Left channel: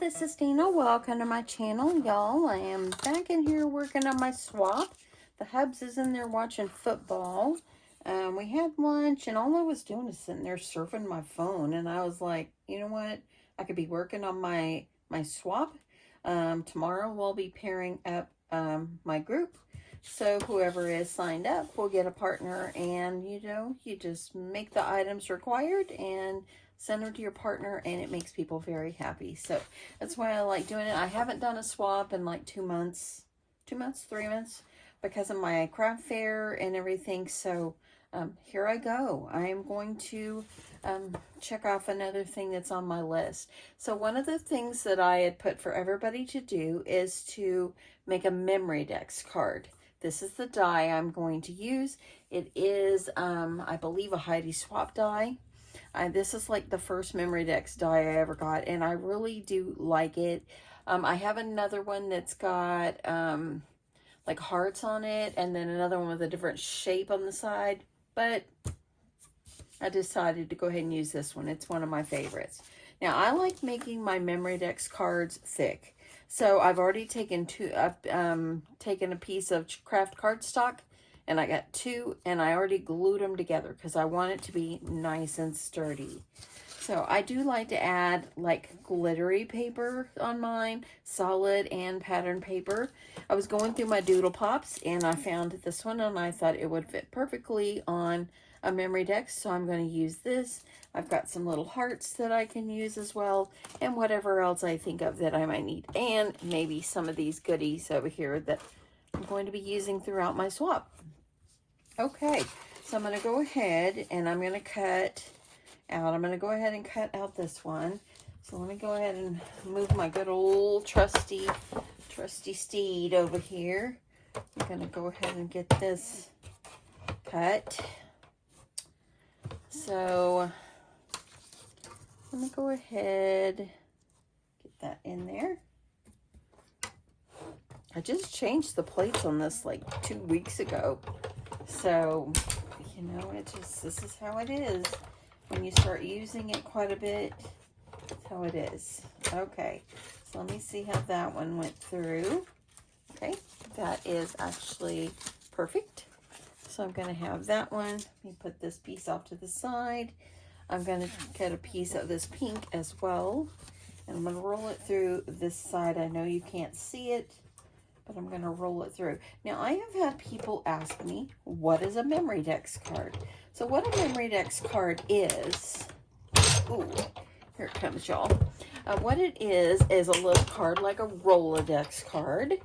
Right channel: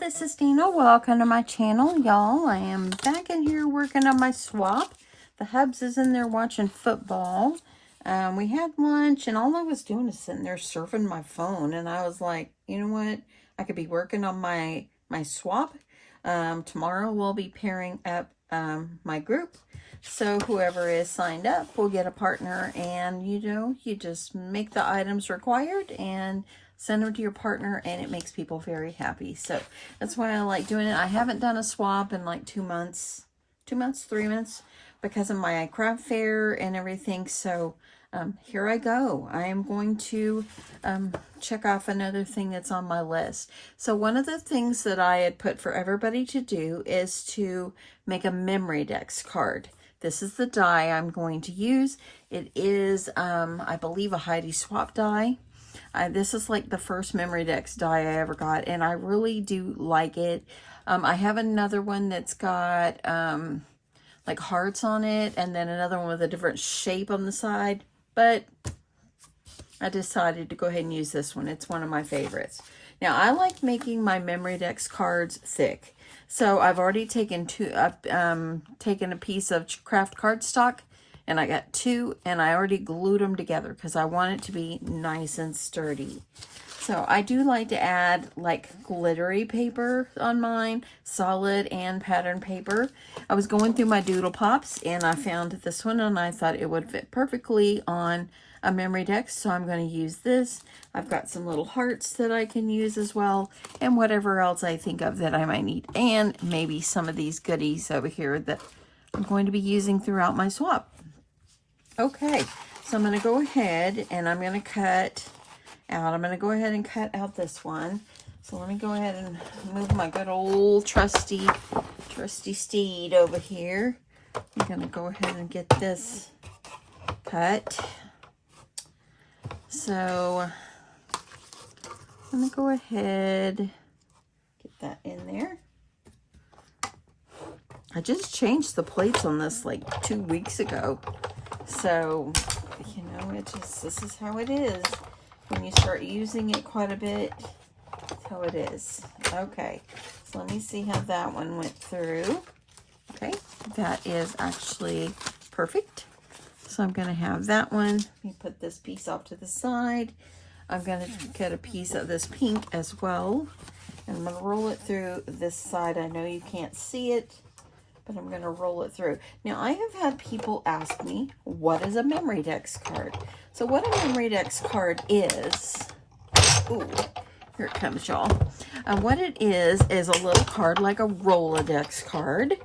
this is Deanna. Welcome to my channel, y'all. I am back in here working on my swap. The hubs is in there watching football. We had lunch, and all I was doing is sitting there surfing my phone, and I was like, you know what? I could be working on my swap. Tomorrow we'll be pairing up my group. So whoever is signed up will get a partner, and you just make the items required and send them to your partner, and it makes people very happy. So that's why I like doing it. I haven't done a swap in like 3 months, because of my craft fair and everything. So here I go. I am going to check off another thing that's on my list. So one of the things that I had put for everybody to do is to make a Memorydex card. This is the die I'm going to use. It is, I believe, a Heidi swap die. This is like the first Memorydex die I ever got, and I really do like it. I have another one that's got like hearts on it, and then another one with a different shape on the side, but I decided to go ahead and use this one. It's one of my favorites. Now, I like making my Memorydex cards thick. So I've already taken taken a piece of craft cardstock, and I got 2, and I already glued them together because I want it to be nice and sturdy. So I do like to add like glittery paper on mine, solid and pattern paper. I was going through my Doodle Pops, and I found this one, and I thought it would fit perfectly on a Memorydex, so I'm going to use this. I've got some little hearts that I can use as well, and whatever else I think of that I might need, and maybe some of these goodies over here that I'm going to be using throughout my swap. Okay, so I'm going to go ahead and I'm going to cut out. I'm going to go ahead and cut out this one. So let me go ahead and move my good old trusty steed over here. I'm going to go ahead and get this cut. So I'm going to go ahead, get that in there. I just changed the plates on this like 2 weeks ago. So, this is how it is. When you start using it quite a bit, that's how it is. Okay, so let me see how that one went through. Okay, that is actually perfect. So I'm going to have that one. Let me put this piece off to the side. I'm going to get a piece of this pink as well. And I'm going to roll it through this side. I know you can't see it, but I'm going to roll it through. Now, I have had people ask me, what is a Memorydex card? So what a Memorydex card is, ooh, here it comes, y'all. What it is a little card like a Rolodex card.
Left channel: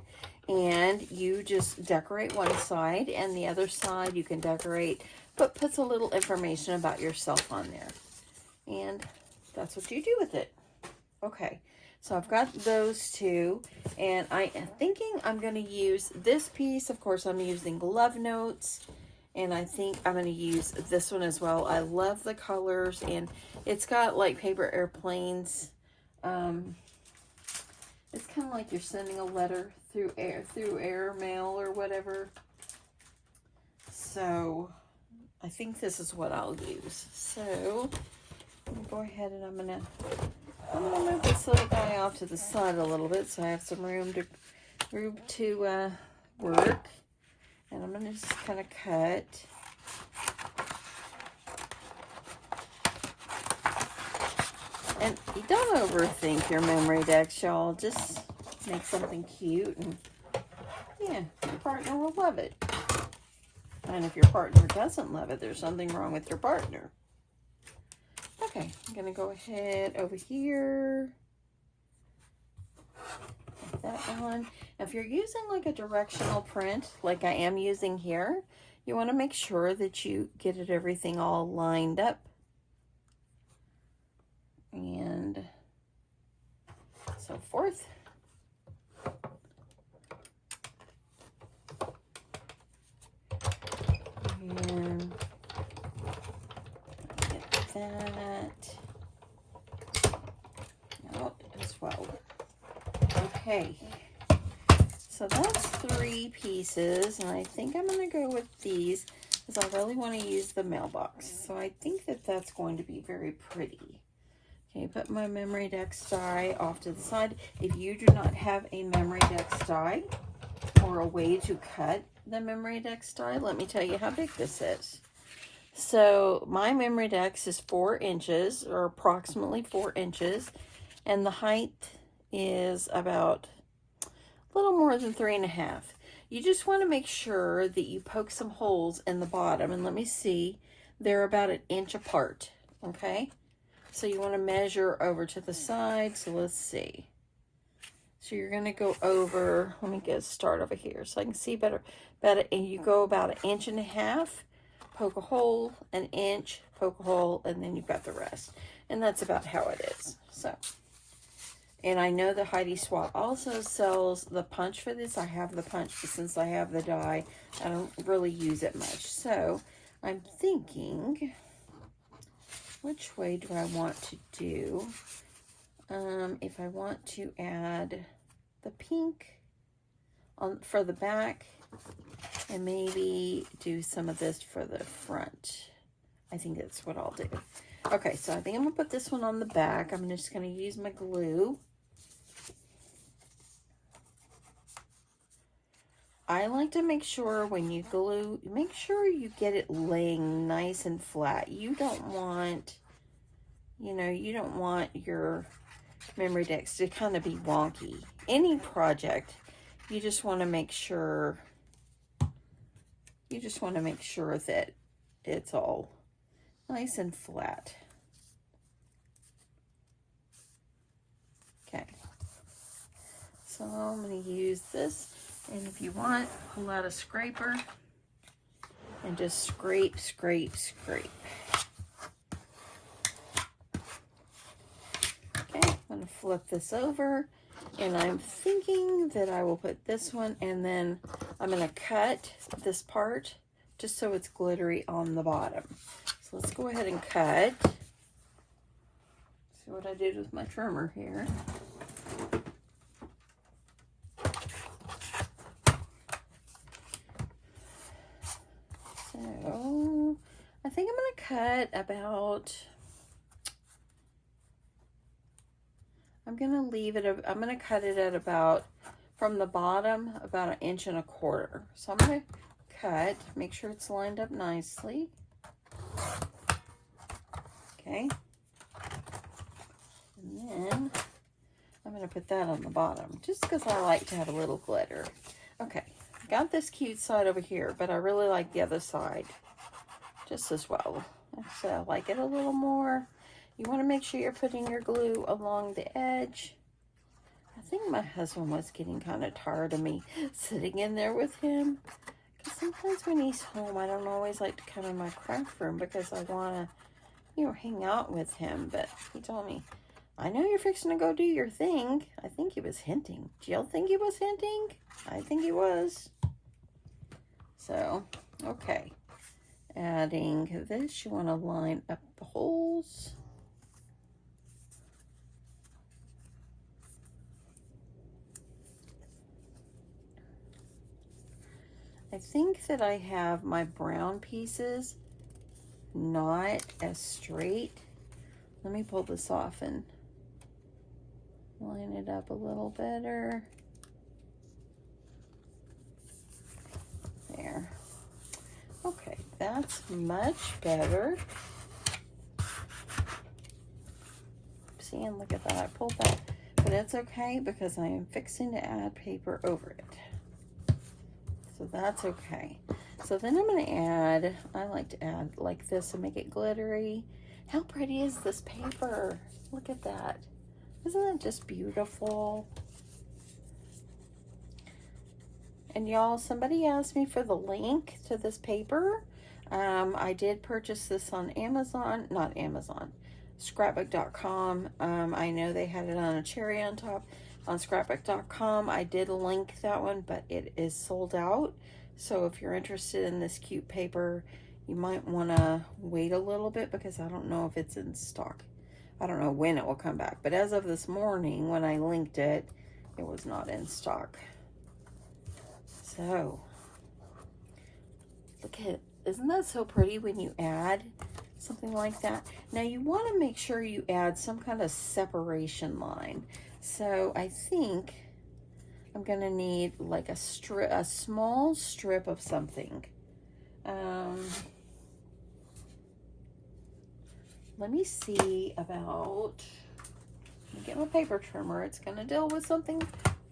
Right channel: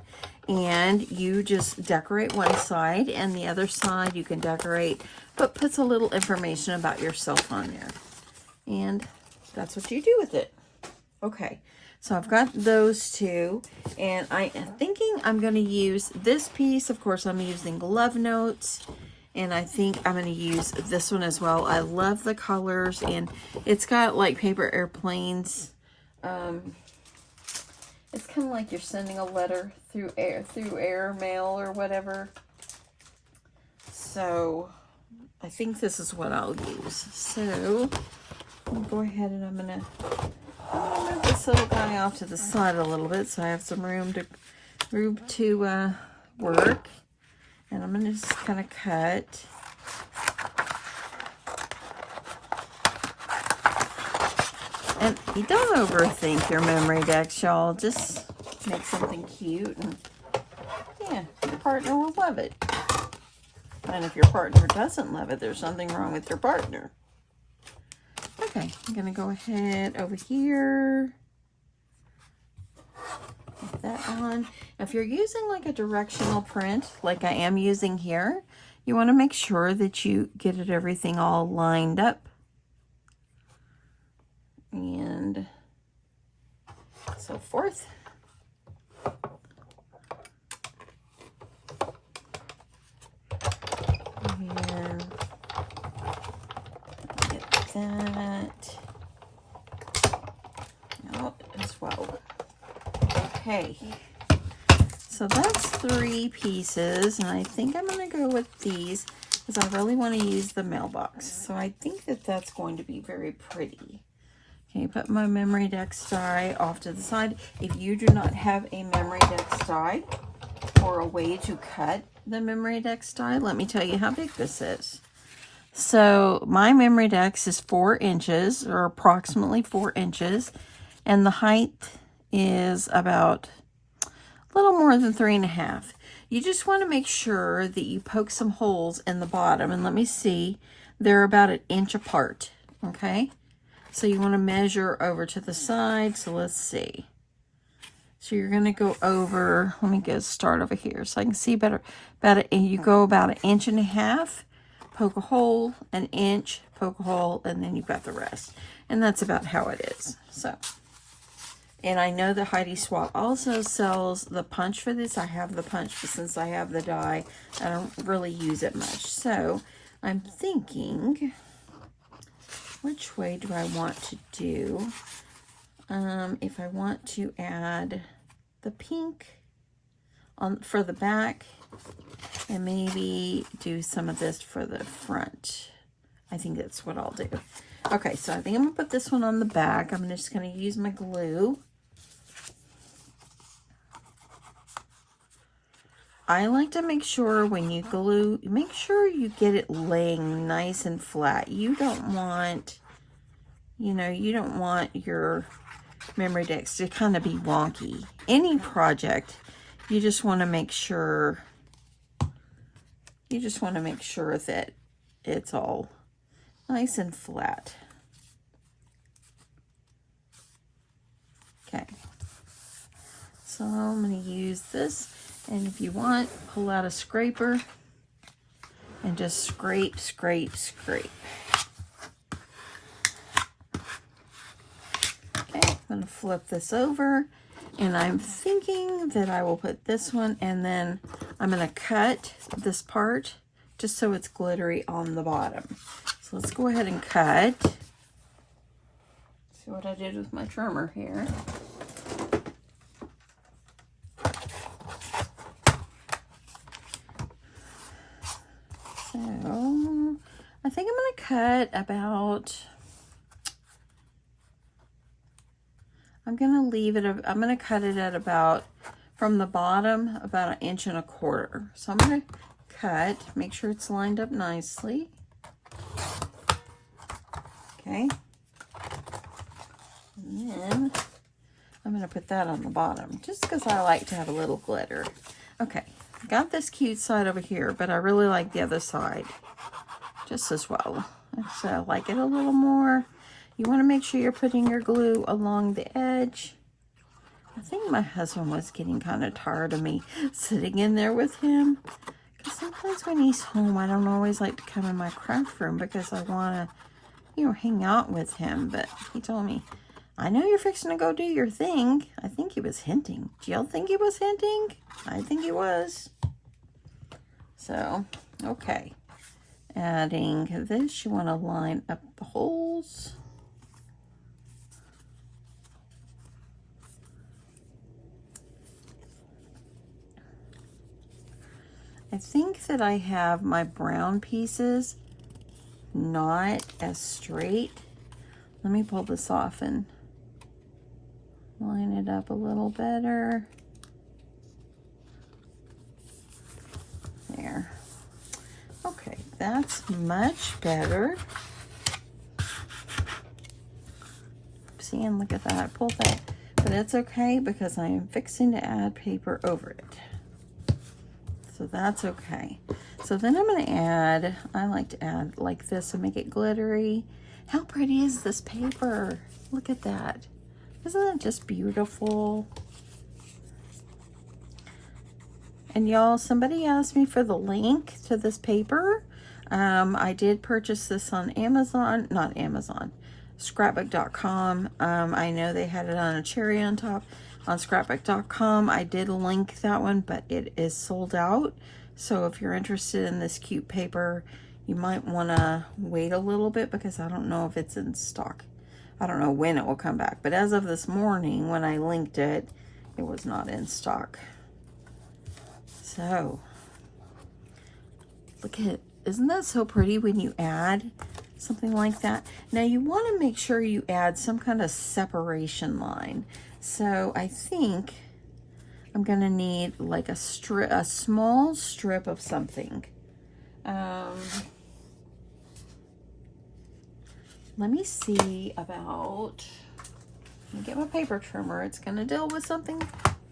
And you just decorate one side, and the other side you can decorate, but puts a little information about yourself on there. And that's what you do with it. Okay, so I've got those 2, and I am thinking I'm going to use this piece. Of course, I'm using Love Notes, and I think I'm going to use this one as well. I love the colors, and it's got like paper airplanes. It's kind of like you're sending a letter through air mail or whatever. So I think this is what I'll use. So I'll go ahead and I'm gonna move this little guy off to the side a little bit so I have some room to work. And I'm gonna just kind of cut. And you don't overthink your Memorydex, y'all. Just make something cute, and yeah, your partner will love it. And if your partner doesn't love it, there's something wrong with your partner. Okay, I'm gonna go ahead over here. Put that on. Now, if you're using like a directional print, like I am using here, you want to make sure that you get it everything all lined up. And so forth. And get that out as well. Okay, so that's 3 pieces, and I think I'm going to go with these because I really want to use the mailbox. So I think that that's going to be very pretty. Okay, put my Memorydex die off to the side. If you do not have a Memorydex die or a way to cut the Memorydex die, let me tell you how big this is. So my Memorydex is 4 inches, or approximately 4 inches, and the height is about a little more than 3.5. You just want to make sure that you poke some holes in the bottom, and let me see, they're about 1 inch apart, okay? So you want to measure over to the side. So let's see. So you're going to go over, let me start over here so I can see better. You go about 1.5 inches, poke a hole, 1 inch, poke a hole, and then you've got the rest. And that's about how it is. So, and I know that Heidi Swap also sells the punch for this. I have the punch, but since I have the die, I don't really use it much. So I'm thinking, which way do I want to do? If I want to add the pink on for the back and maybe do some of this for the front. I think that's what I'll do. Okay, so I think I'm gonna put this one on the back. I'm just gonna use my glue. I like to make sure when you glue, make sure you get it laying nice and flat. You don't want, you know, you don't want your Memorydex to kind of be wonky. Any project, you just want to make sure, that it's all nice and flat. Okay. So I'm going to use this. And if you want, pull out a scraper and just scrape, scrape, scrape. Okay, I'm going to flip this over, and I'm thinking that I will put this one, and then I'm going to cut this part just so it's glittery on the bottom. So let's go ahead and cut. See what I did with my trimmer here. So I think I'm going to cut about, I'm going to leave it, I'm going to cut it at about, from the bottom, about 1.25 inches. So I'm going to cut, make sure it's lined up nicely. Okay. And then I'm going to put that on the bottom, just because I like to have a little glitter. Okay. Got this cute side over here, but I really like the other side just as well. So I like it a little more. You want to make sure you're putting your glue along the edge. I think my husband was getting kind of tired of me sitting in there with him, because sometimes when he's home, I don't always like to come in my craft room because I want to, you know, hang out with him. But he told me, I know you're fixing to go do your thing. I think he was hinting. Do y'all think he was hinting? I think he was. So, okay. Adding this, you want to line up the holes. I think that I have my brown pieces not as straight. Let me pull this off and line it up a little better. There. Okay, that's much better. See, and look at that, I pulled that. But that's okay because I am fixing to add paper over it. So that's okay. So then I'm going to add, I like to add like this and make it glittery. How pretty is this paper? Look at that. Isn't that just beautiful? And y'all, somebody asked me for the link to this paper. I did purchase this on Amazon, not Amazon, scrapbook.com. I know they had it on a cherry on top on scrapbook.com. I did link that one, but it is sold out. So if you're interested in this cute paper, you might want to wait a little bit because I don't know if it's in stock. I don't know when it will come back. But as of this morning, when I linked it, it was not in stock. So, look at it. Isn't that so pretty when you add something like that. Now you want to make sure you add some kind of separation line. So I think I'm gonna need like a small strip of something. Let me see about, let me get my paper trimmer. It's gonna deal with something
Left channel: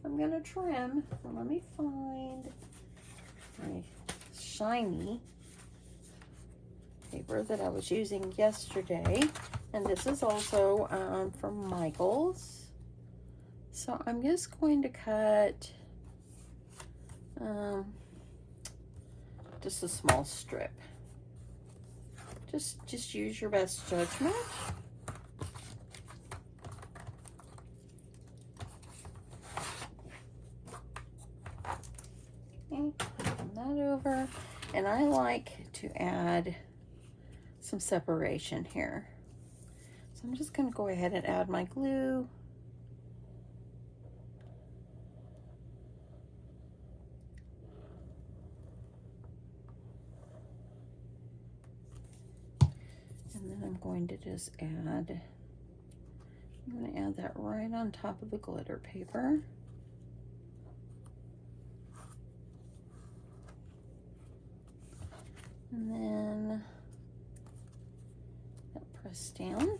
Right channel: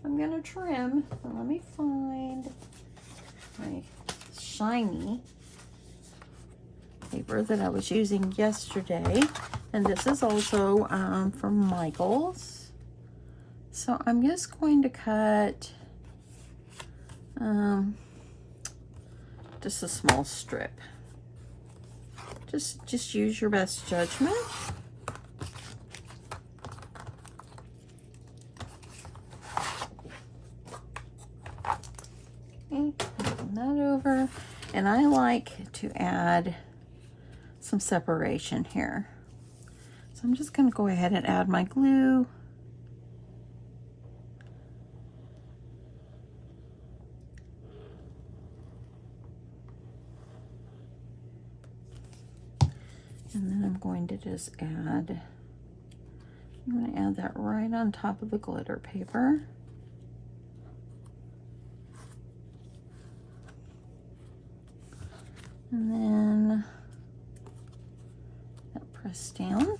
I'm gonna trim. Let me find my shiny paper that I was using yesterday. And this is also from Michael's. So I'm just going to cut just a small strip. Just use your best judgment. Okay, turn that over. And I like to add some separation here. So I'm just going to go ahead and add my glue. And then I'm going to just add, I'm going to add that right on top of the glitter paper. And then that press down.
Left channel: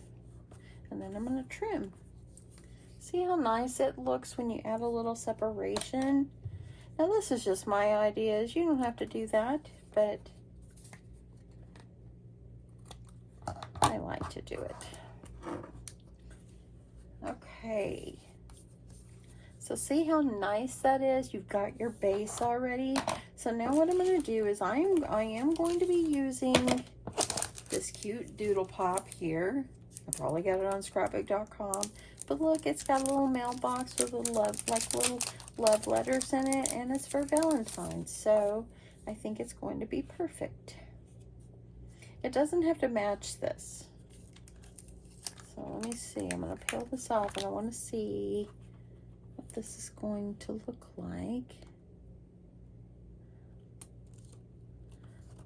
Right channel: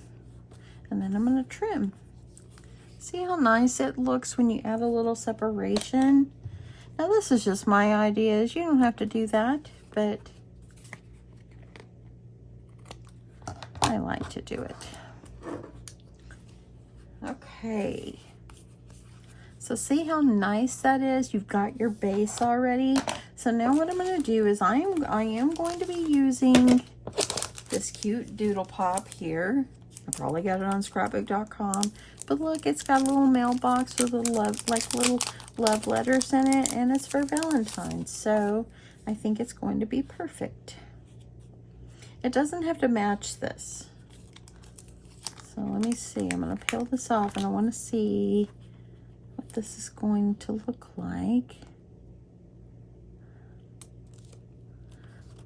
And then I'm going to trim. See how nice it looks when you add a little separation? Now this is just my ideas. You don't have to do that, but I like to do it. Okay. So see how nice that is? You've got your base already. So now what I'm going to do is I am going to be using this cute doodle pop here. I probably got it on scrapbook.com. But look, it's got a little mailbox with little love letters in it, and it's for Valentines. So I think it's going to be perfect. It doesn't have to match this. So let me see. I'm going to peel this off, and I want to see what this is going to look like.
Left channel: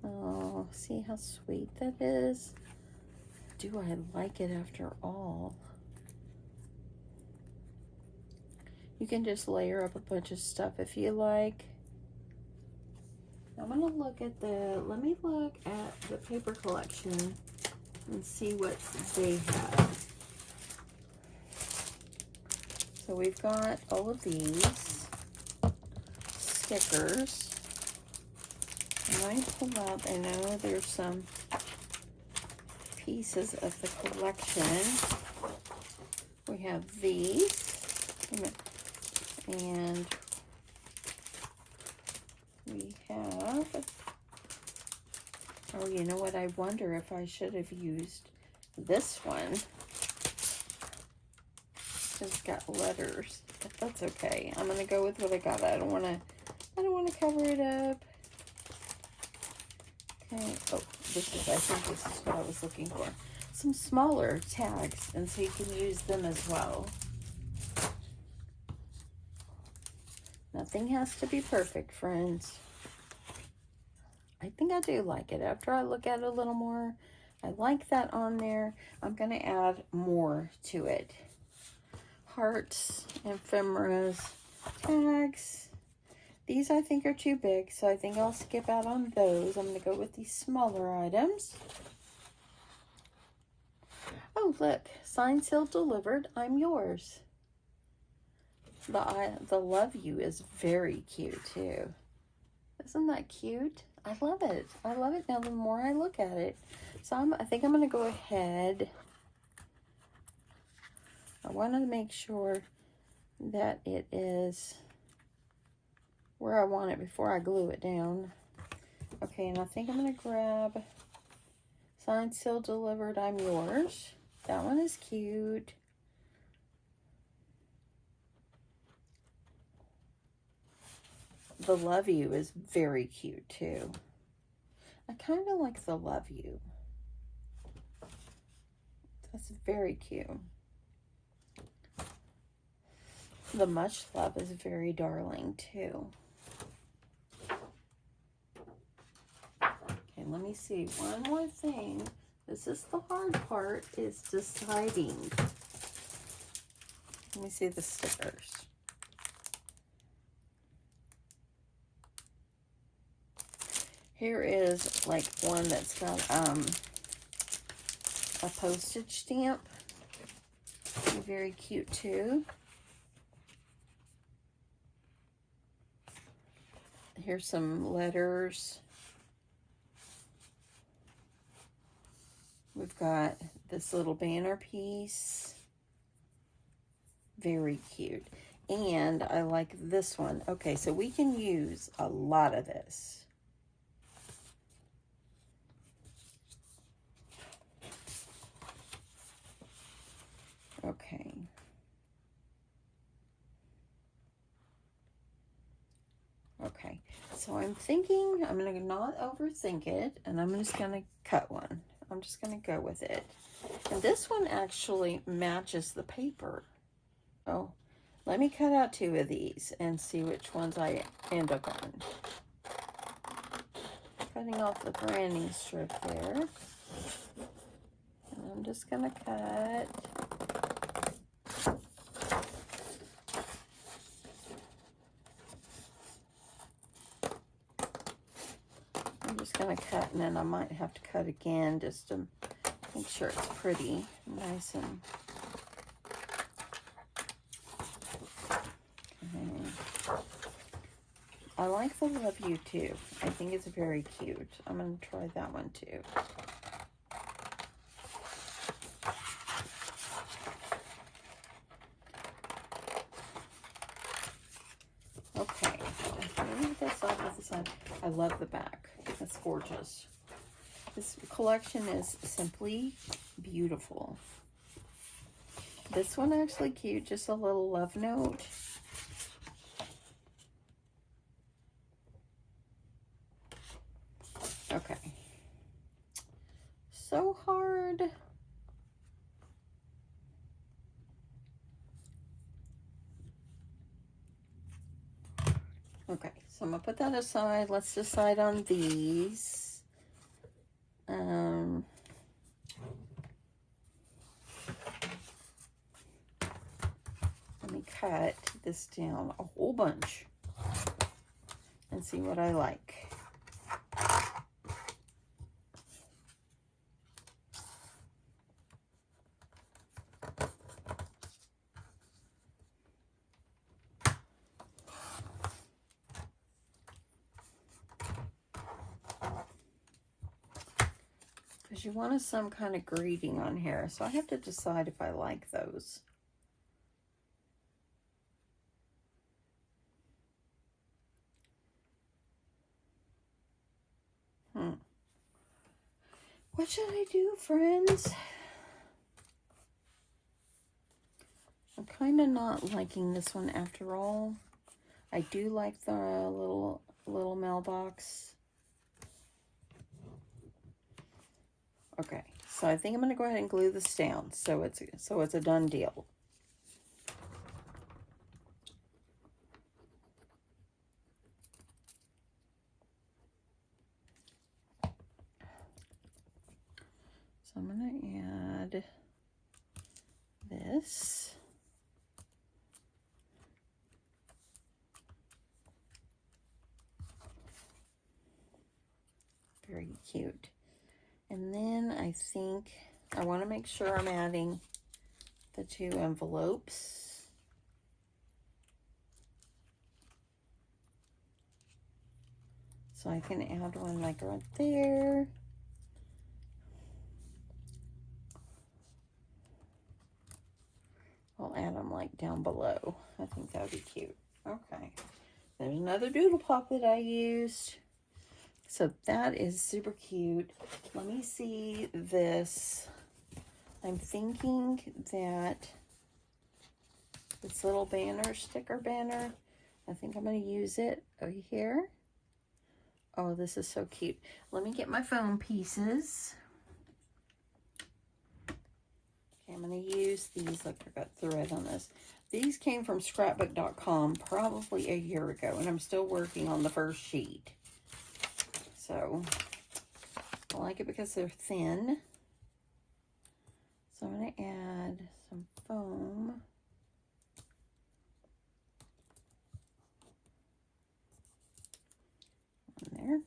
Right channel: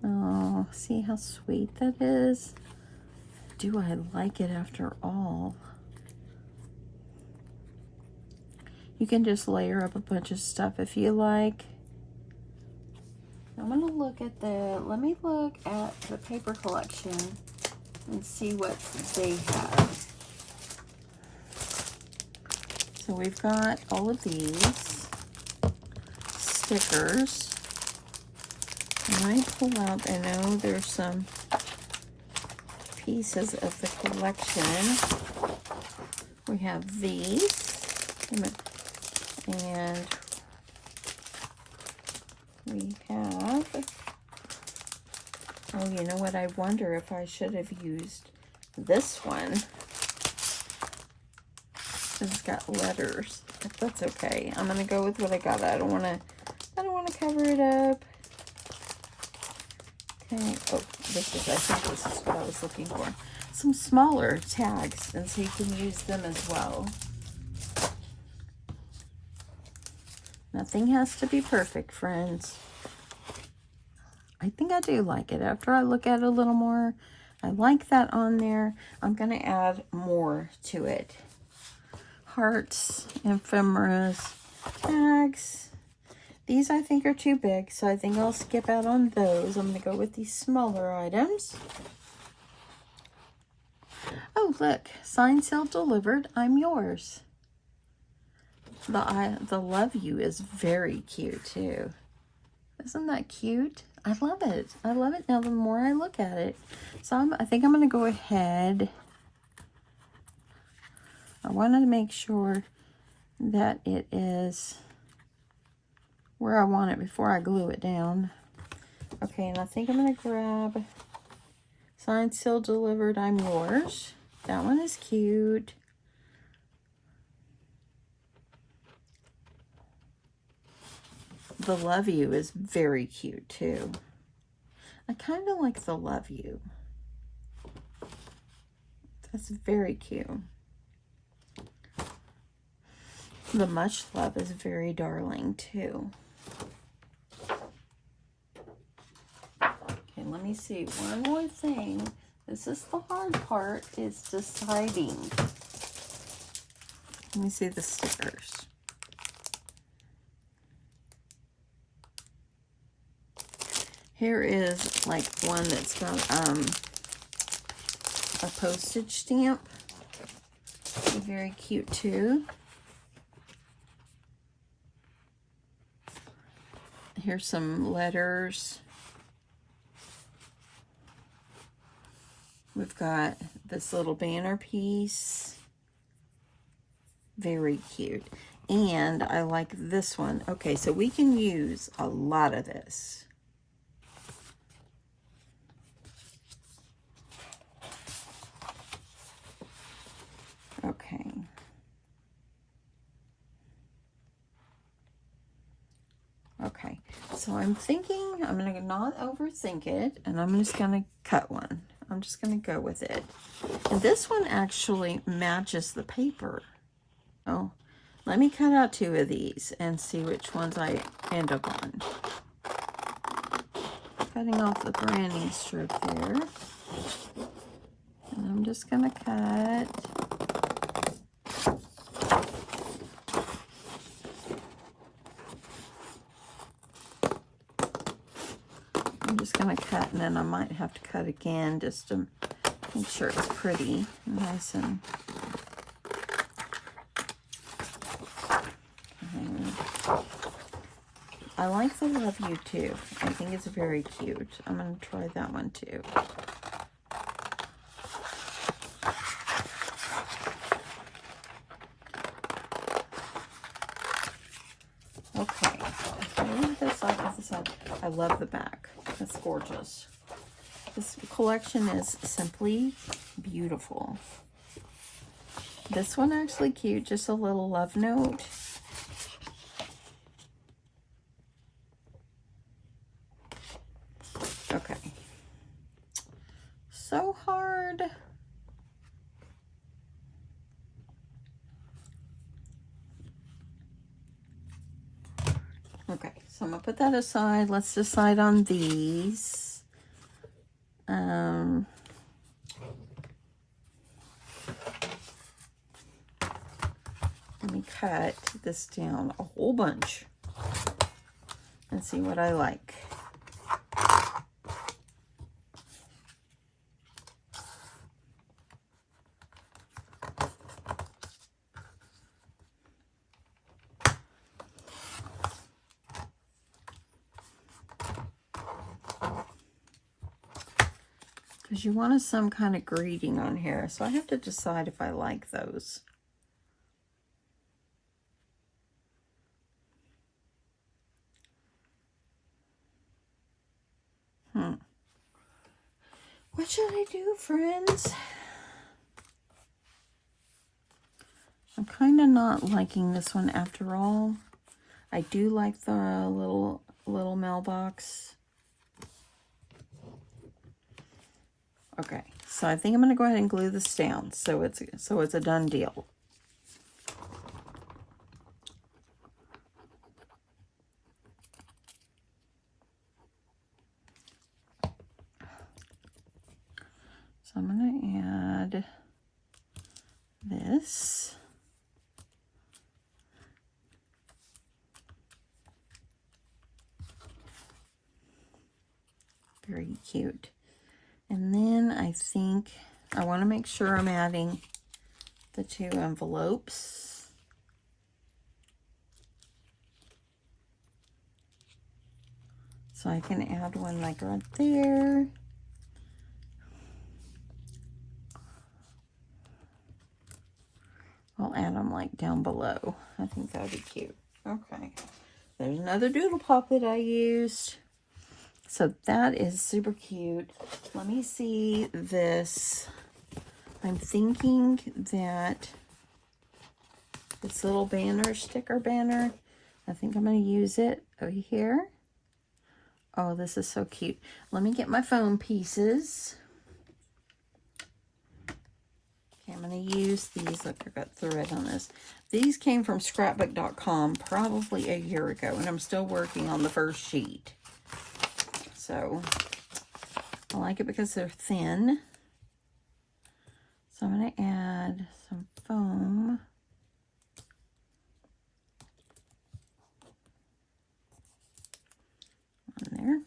Oh, see how sweet that is? Do I like it after all? You can just layer up a bunch of stuff if you like. I'm gonna look at let me look at the paper collection and see what they have. So we've got all of these stickers. When I pull up, I know there's some pieces of the collection. We have these, and we have, oh, you know what, I wonder if I should have used this one. It's got letters, but that's okay. I'm gonna go with what I got. I don't wanna cover it up. Okay, oh, I think this is what I was looking for. Some smaller tags, and so you can use them as well. Nothing has to be perfect, friends. I think I do like it. After I look at it a little more, I like that on there. I'm going to add more to it. Hearts, ephemeras, tags. These I think are too big, so I think I'll skip out on those. I'm going to go with these smaller items. Oh, look. Signed, sealed, delivered. I'm yours. The love you is very cute, too. Isn't that cute? I love it. I love it now the more I look at it. So I think I'm going to go ahead. I wanted to make sure that it is where I want it before I glue it down. Okay, and I think I'm going to grab signed, sealed, delivered, I'm yours. That one is cute. The love you is very cute too. I kind of like the love you. That's very cute. The much love is very darling too. Okay, let me see one more thing This is the hard part, is deciding. Let me see the stickers. Here is like one that's got a postage stamp. Very cute too. Here's some letters. We've got this little banner piece. Very cute. And I like this one. Okay, so we can use a lot of this. Okay. Okay, so I'm thinking I'm going to not overthink it, and I'm just going to cut one. I'm just going to go with it. And this one actually matches the paper. Oh, let me cut out 2 of these and see which ones I end up on. Cutting off the branding strip there. And I'm just going to cut. I'm just going to cut, and then I might have to cut again just to make sure it's pretty, nice and... I like the Love You too. I think it's very cute. I'm going to try that one too. Okay, maybe this side with this side. I love the back. It's gorgeous. This collection is simply beautiful. This one actually cute, just a little love note. Okay. So hard. Okay, so I'm gonna put that aside. Let's decide on these. Let me cut this down a whole bunch and see what I like. Because you wanted some kind of greeting on here, so I have to decide if I like those. What should I do, friends? I'm kind of not liking this one after all. I do like the little mailbox. Okay, so I think I'm going to go ahead and glue this down so it's a done deal. So I'm going to add this. Very cute. And then I think I want to make sure I'm adding the 2 envelopes. So I can add one like right there. I'll add them like down below. I think that would be cute. Okay. There's another doodle pop that I used. So that is super cute. Let me see this. I'm thinking that this little banner, sticker banner, I think I'm going to use it over here. Oh, this is so cute. Let me get my foam pieces. Okay, I'm going to use these. Look, I've got thread on this. These came from scrapbook.com probably a year ago, and I'm still working on the first sheet. So I like it because they're thin So I'm going to add some foam. On there.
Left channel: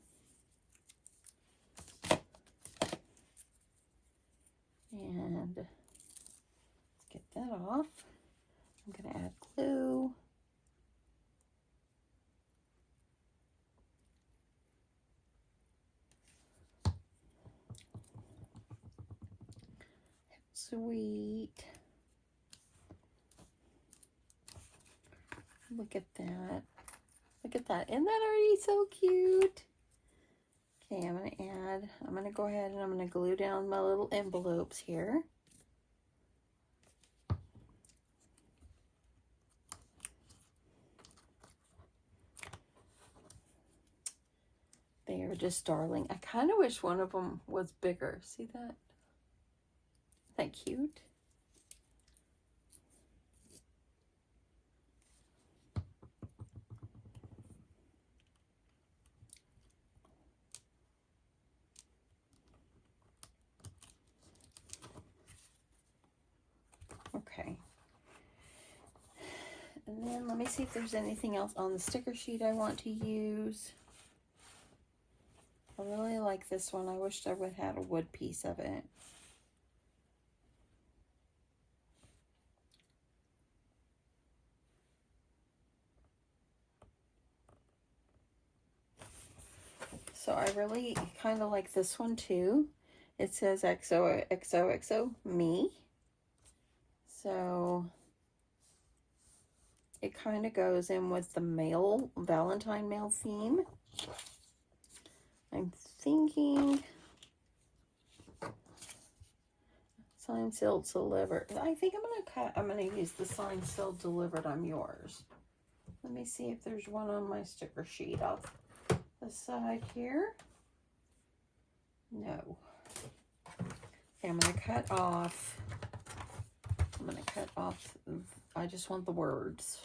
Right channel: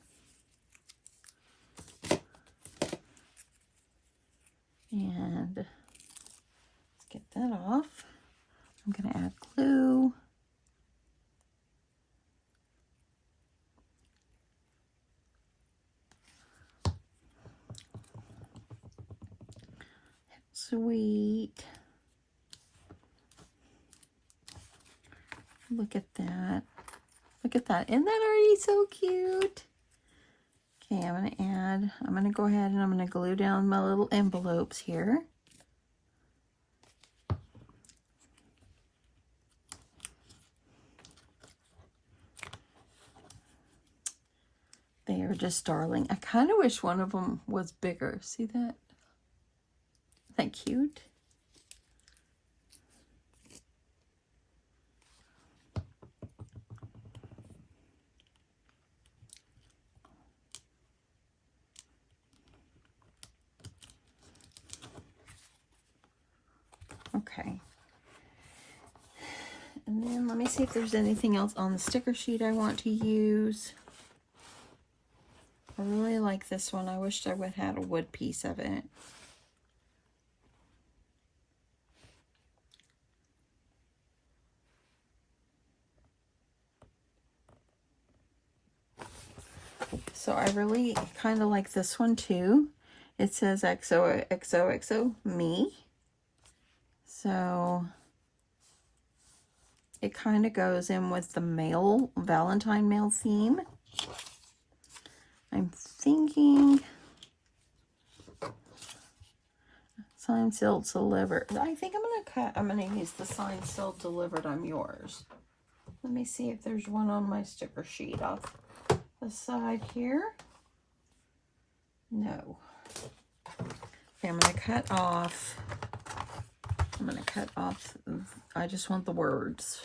And let's get that off. I'm going to add glue. Sweet. Look at that. Look at that. Isn't that already so cute? Okay, I'm going to go ahead and I'm going to glue down my little envelopes here. They are just darling. I kind of wish one of them was bigger. See that? Isn't that cute? Okay. And then let me see if there's anything else on the sticker sheet I want to use. I really like this one. I wished I would have had a wood piece of it. So I really kind of like this one too. It says XOXOXO me. So it kind of goes in with the mail, Valentine mail theme. I'm thinking signed, sealed, delivered. I think I'm gonna use the signed, sealed, delivered, I'm yours. Let me see if there's one on my sticker sheet off the side here. No. Okay, I'm gonna cut off. I just want the words.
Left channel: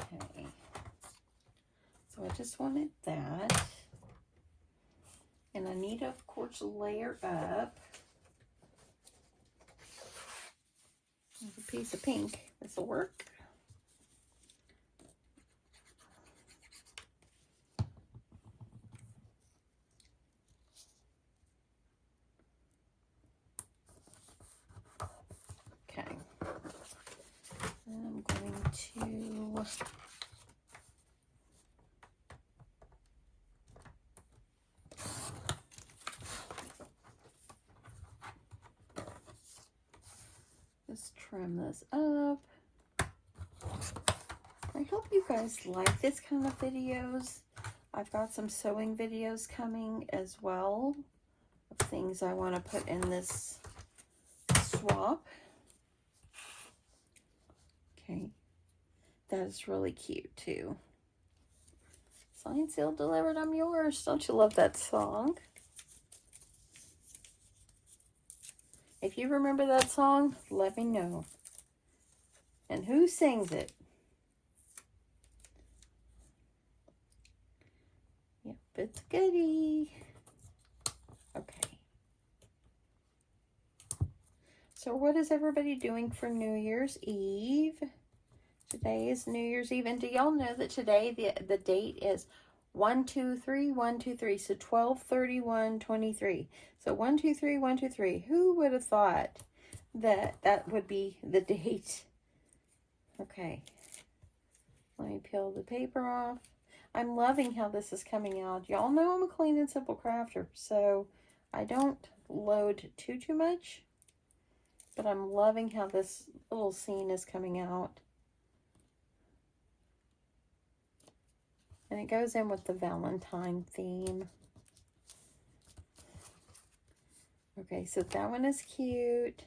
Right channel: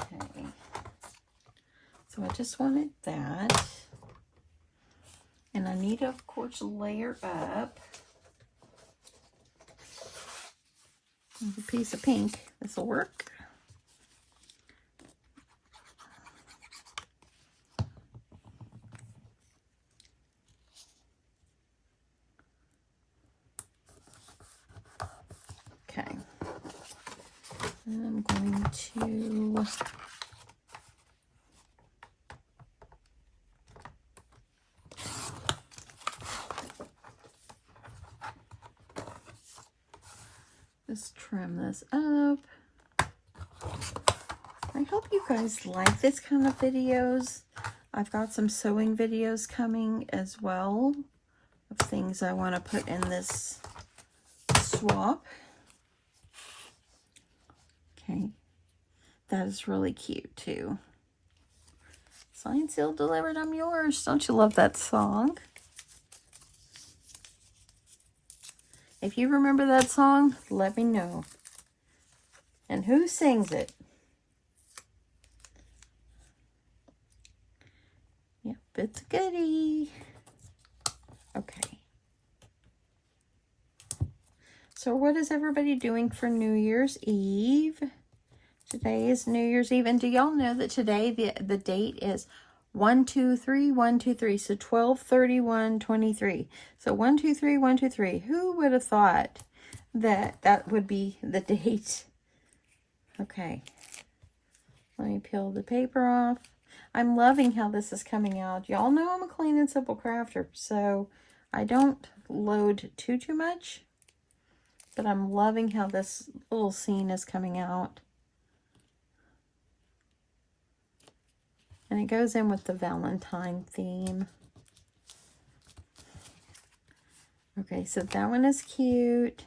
Okay. So I just wanted that. And I need to, of course, layer up. There's a piece of pink. This will work. Okay. I'm going to just trim this up. I hope you guys like this kind of videos. I've got some sewing videos coming as well of things I want to put in this swap. Okay, that is really cute too. Signed, sealed, delivered, I'm yours. Don't you love that song? If you remember that song, let me know. And who sings it? Yep, it's a goodie. Okay. So what is everybody doing for New Year's Eve? Today is New Year's Eve. And do y'all know that today the date is 123 so 12/31/23. So 123 Who would have thought that that would be the date? Okay, let me peel the paper off. I'm loving how this is coming out. Y'all know I'm a clean and simple crafter, so I don't load too much, but I'm loving how this little scene is coming out. And it goes in with the Valentine theme. Okay, so that one is cute.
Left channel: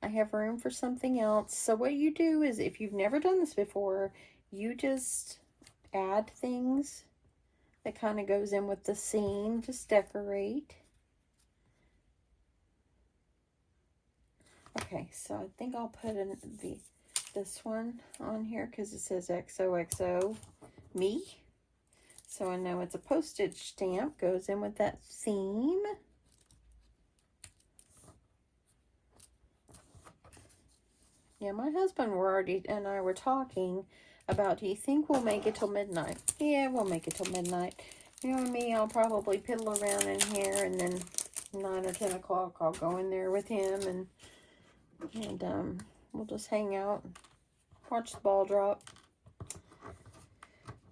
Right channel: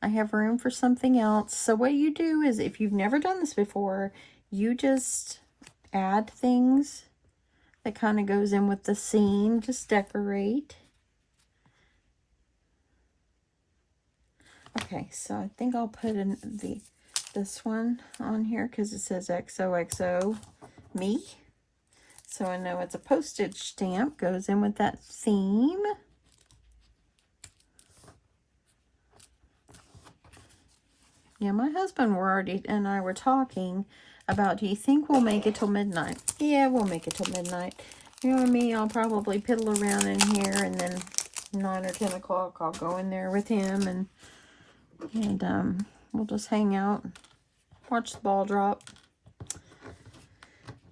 I have room for something else. So what you do is, if you've never done this before, you just add things that kind of goes in with the scene. Just decorate. Okay, so I think I'll put in this one on here because it says XOXO me. So I know it's a postage stamp, goes in with that theme. Yeah, my husband and I were talking about, do you think we'll make it till midnight? Yeah, we'll make it till midnight. You know me, I'll probably piddle around in here, and then 9 or 10 o'clock I'll go in there with him, and we'll just hang out, watch the ball drop.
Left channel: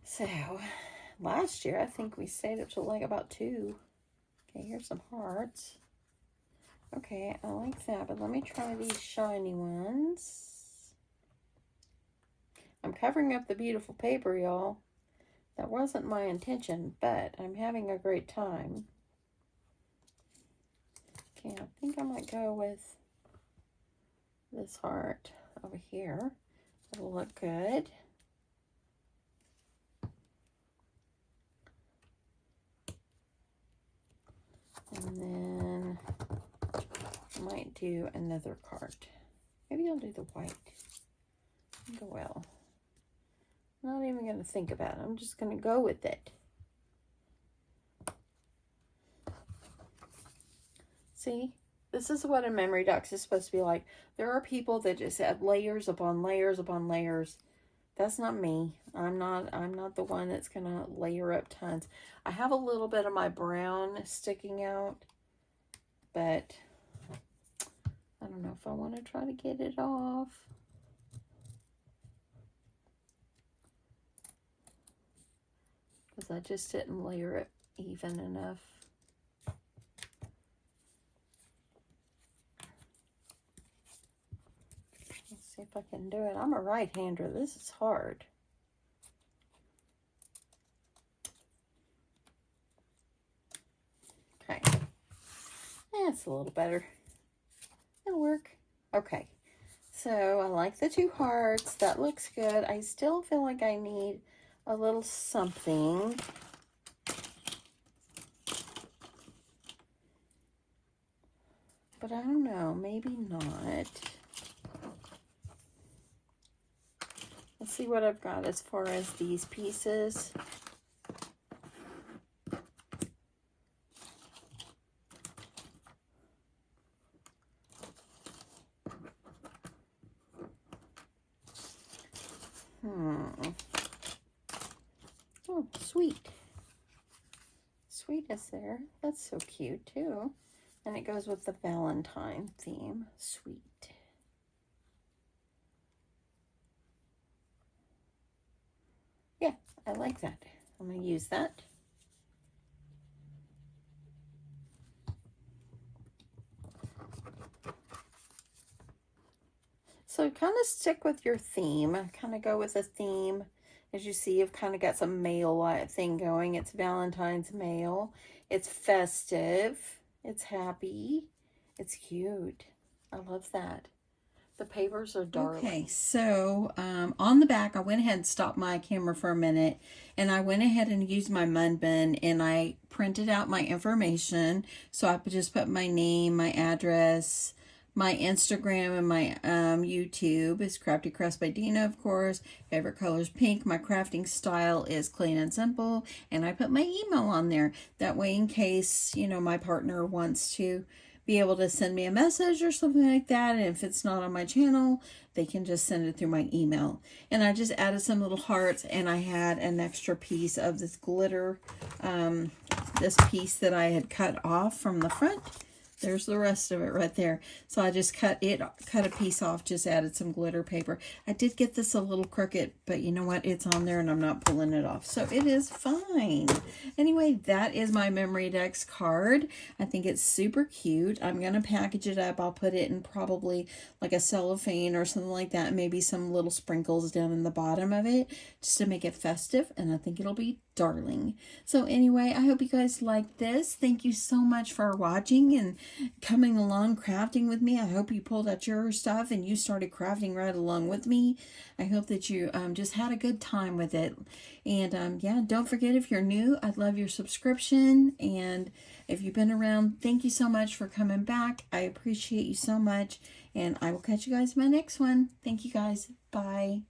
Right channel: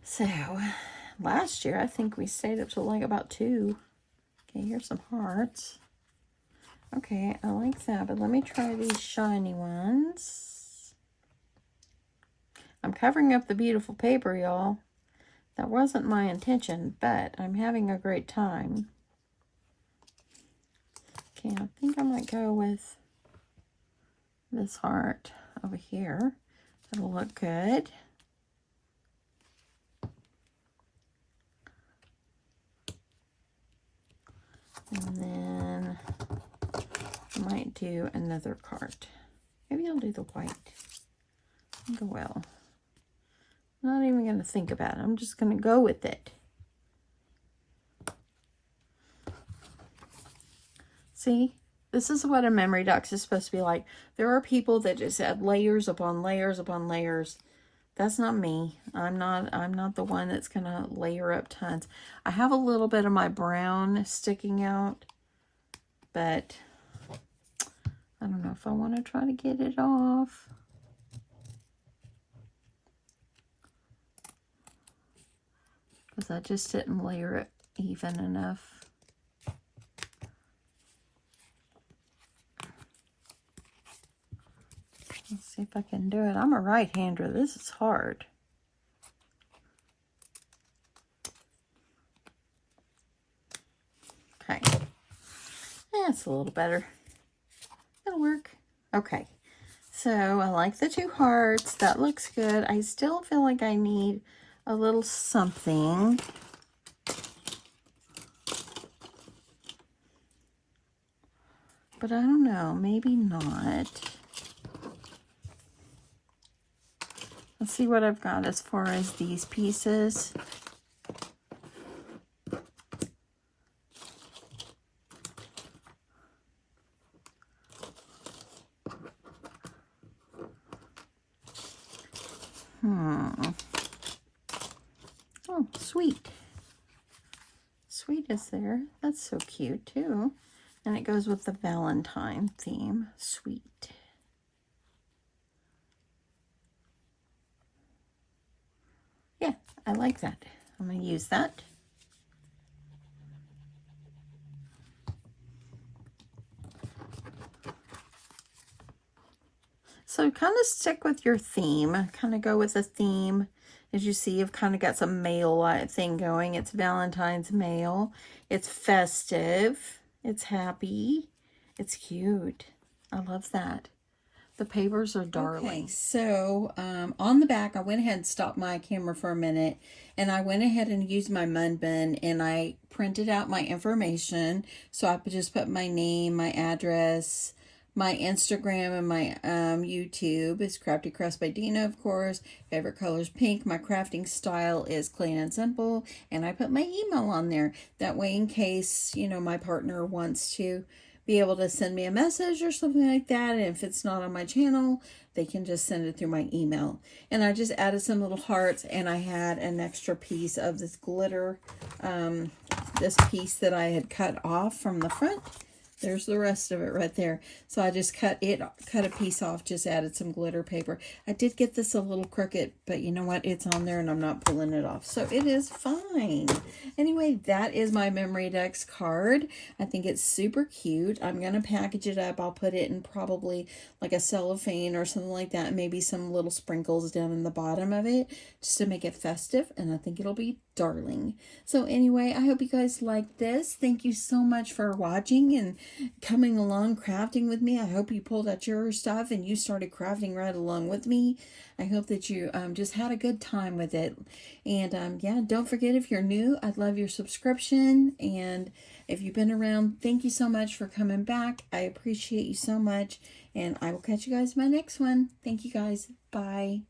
So, last year I think we stayed up till like about 2. Okay, here's some hearts. Okay, I like that, but let me try these shiny ones. I'm covering up the beautiful paper, y'all. That wasn't my intention, but I'm having a great time. Okay, I think I might go with this heart over here. It'll look good. And then I might do another card. Maybe I'll do the white. Go well. Not even going to think about it. I'm just going to go with it. See, this is what a Memorydex is supposed to be like. There are people that just add layers upon layers upon layers. That's not me. I'm not the one that's going to layer up tons. I have a little bit of my brown sticking out, but I don't know if I want to try to get it off. Because I just didn't layer it even enough. Let's see if I can do it. I'm a right-hander. This is hard. Okay. That's a little better. That'll work. Okay. So I like the 2 hearts. That looks good. I still feel like I need a little something. But I don't know. Maybe not. Let's see what I've got as far as these pieces. Oh, sweet. Sweet is there. That's so cute too. And it goes with the Valentine theme. Sweet. Yeah, I like that. I'm going to use that. So kind of stick with your theme. Kind of go with a theme. As you see, I've kind of got some mail thing going. It's Valentine's mail. It's festive. It's happy. It's cute. I love that. The papers are darling. Okay, so on the back, I went ahead and stopped my camera for a minute, and I went ahead and used my mud bin, and I printed out my information. So I just put my name, my address, my Instagram, and my YouTube is Crafty Crafts by Deanna, of course. Favorite color is pink. My crafting style is clean and simple, and I put my email on there. That way, in case, you know, my partner wants to be able to send me a message or something like that, and if it's not on my channel, they can just send it through my email. And I just added some little hearts, and I had an extra piece of this glitter, this piece that I had cut off from the front. There's the rest of it right there. So I just cut a piece off, just added some glitter paper. I did get this a little crooked, but you know what? It's on there and I'm not pulling it off. So it is fine. Anyway, that is my Memorydex card. I think it's super cute. I'm going to package it up. I'll put it in probably like a cellophane or something like that. Maybe some little sprinkles down in the bottom of it just to make it festive. And I think it'll be darling. So anyway, I hope you guys like this. Thank you so much for watching and coming along crafting with me. I hope you pulled out your stuff and you started crafting right along with me. I hope that you just had a good time with it. And yeah, don't forget, if you're new, I'd love your subscription. And if you've been around, thank you so much for coming back. I appreciate you so much. And I will catch you guys in my next one. Thank you guys. Bye.